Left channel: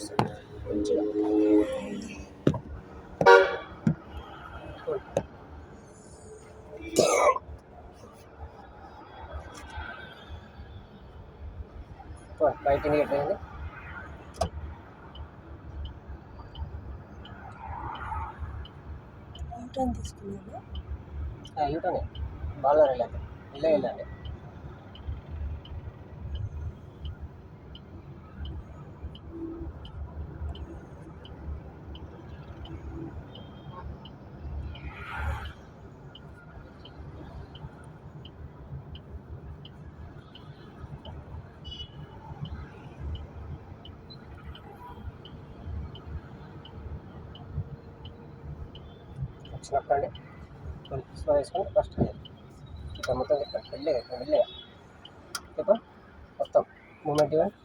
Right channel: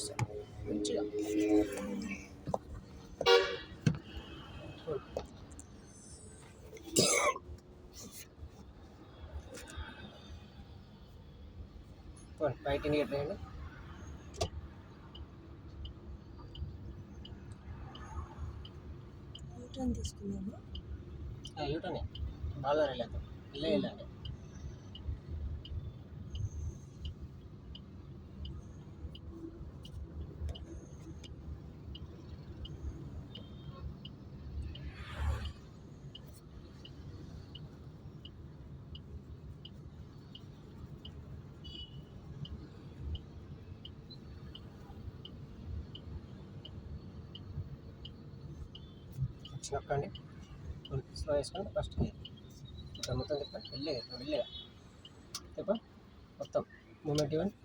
వస్తుంది మంచిగా. బయట నీట్ అయింది. యూటర్న్ తీసుకున్నాను. యూటర్న్ బాగా వెళ్ళాలి, వెళ్ళండి. వచ్చినప్పండి స్లో వేసుకొని ఫస్ట్ ఇక్కడ మొత్తం వెళ్ళే చెప్ప మొత్తం మూమెంట్ ఇవ్వండి.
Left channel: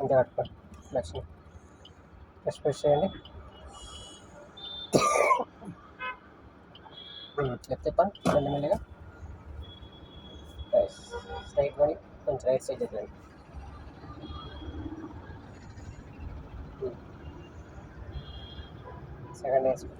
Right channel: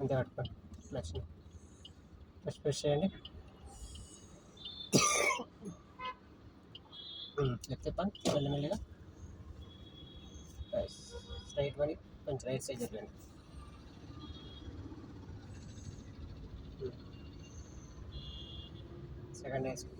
అంతే పట్టుకోండి. నచ్చింది ప్రెస్ చేయండి. లెఫ్ట్ చెప్పండి మెల్లిమెల్లిగా. స్ట్రైట్ పని కొంచెం రైట్ సైడ్ చెప్పండి. సెకండ్ వేసుకోండి.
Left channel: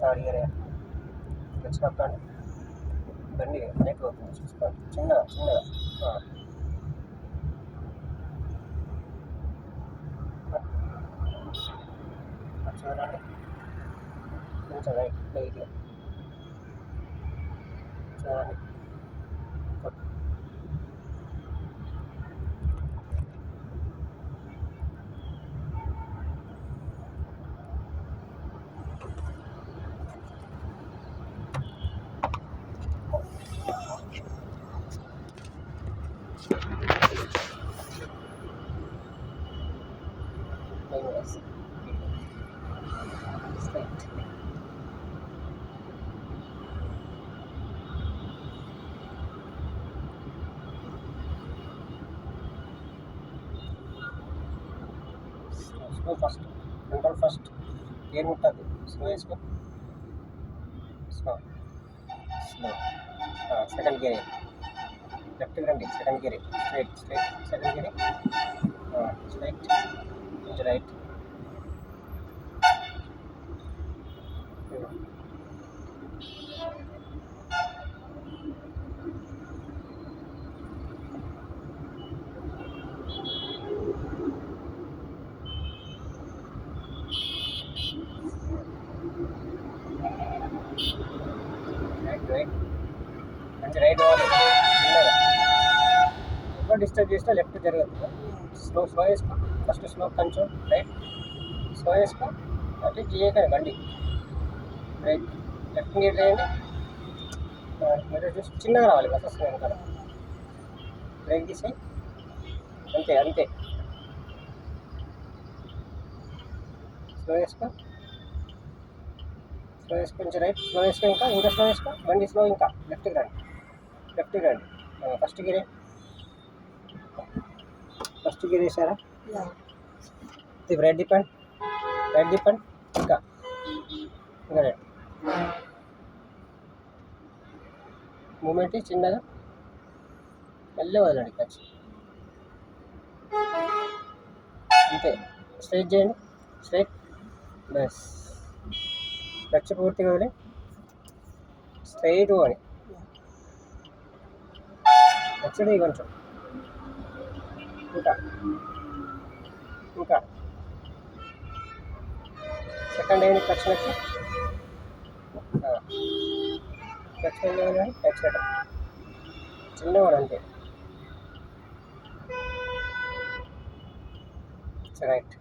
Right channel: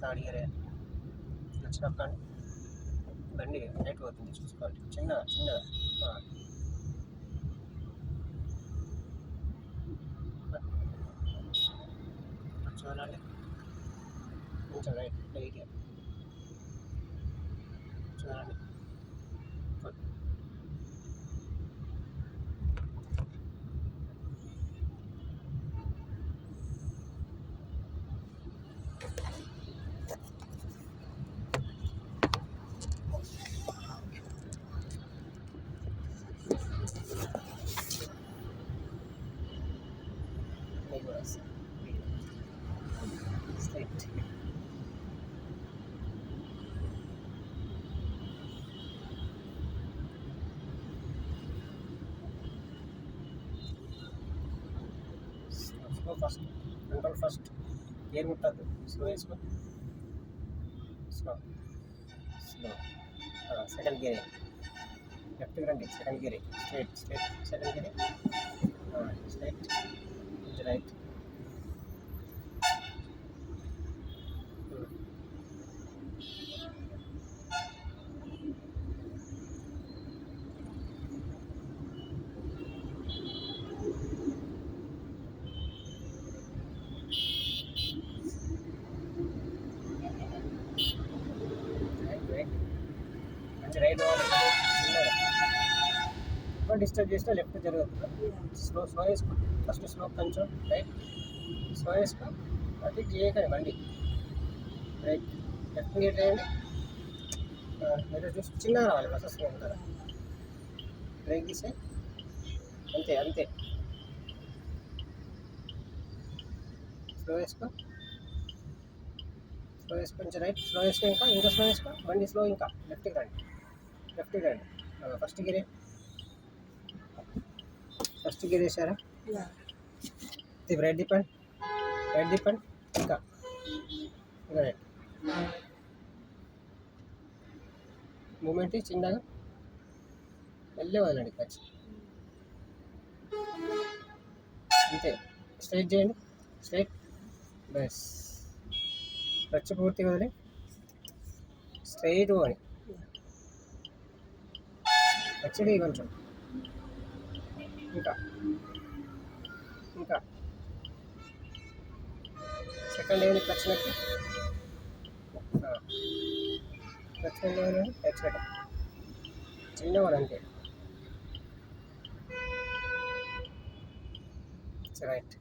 థర్డ్ ఇయర్ వచ్చినప్పుడు బండి నెట్ అవుతుంది చూసుకోండి. చిన్నగా చూడండి. కొంచెం రైట్ లైట్గా చూడండి. Straight slow first control first gear ముట్టదు. స్లో వేసుకో. స్లో సెకండ్ గేర్ లెఫ్ట్కి రండి. Second gear straight second gear straight కొంచెం రైట్. మంచి రైట్ పోవాలి. ఎక్కువ డిస్టర్బ్ చేసినా లెఫ్ట్ జరగదు. స్లో వేసుకో. ఫస్ట్ స్లో కొంచెం రైట్ స్లో వేసుకో. అంటే చేయకండి బండి రైట్ లెఫ్ట్ గేర్ చేయండి. మీరు చూసి చిన్నగా రావాలి. బస్ వస్తుంది వెనకాల. బ్రేక్ తీసి అంతే స్లో వేసుకో. కొంచెం రైట్ స్లో వేసుకో. ఇంకా స్లో వేసుకో. బండి స్లో ఇంకా లెఫ్ట్కి రండి. ఫస్ట్ గేర్ వేసారా? ఇది రైట్ డిపెండ్ ఇంకా రైట్ మూమెంట్ చిన్నగా వెళ్ళే వదలండి. క్లచ్ అంతే. స్ట్రైట్ చేయండి. స్ట్రైట్ బస్ క్లచ్ పూర్తిగా వదిలి స్ట్రైట్ పోవాలి. యాక్చువల్లీ కొంచెం ఇంకా సెకండ్ ఏమి క్లచ్ నెట్టు క్లచ్ నెట్ చిన్నవాడు అంతే. రైట్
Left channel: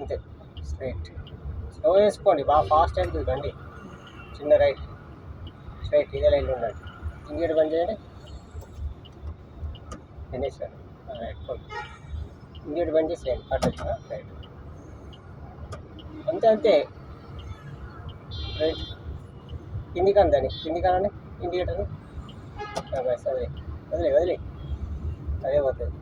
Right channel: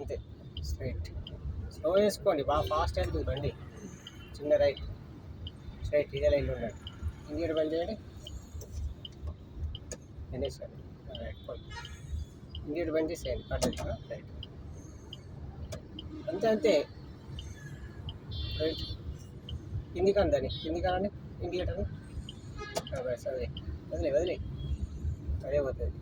అంతే స్ట్రైట్ స్లో వేసుకోండి. బాగా ఫాస్ట్ వెళ్తుంది బండి. చిన్న రైట్ స్ట్రైట్ ఇదే లైన్లో ఉండండి. ఇంకేటి బంద్ చేయండి. ఫినిష్ రైట్ ఇంకేటి బంద్ చేసేయండి. అటు రైట్ అంతే రైట్. కిందికి అందని ఇండికేటర్ని వదిలే అదే పోతుంది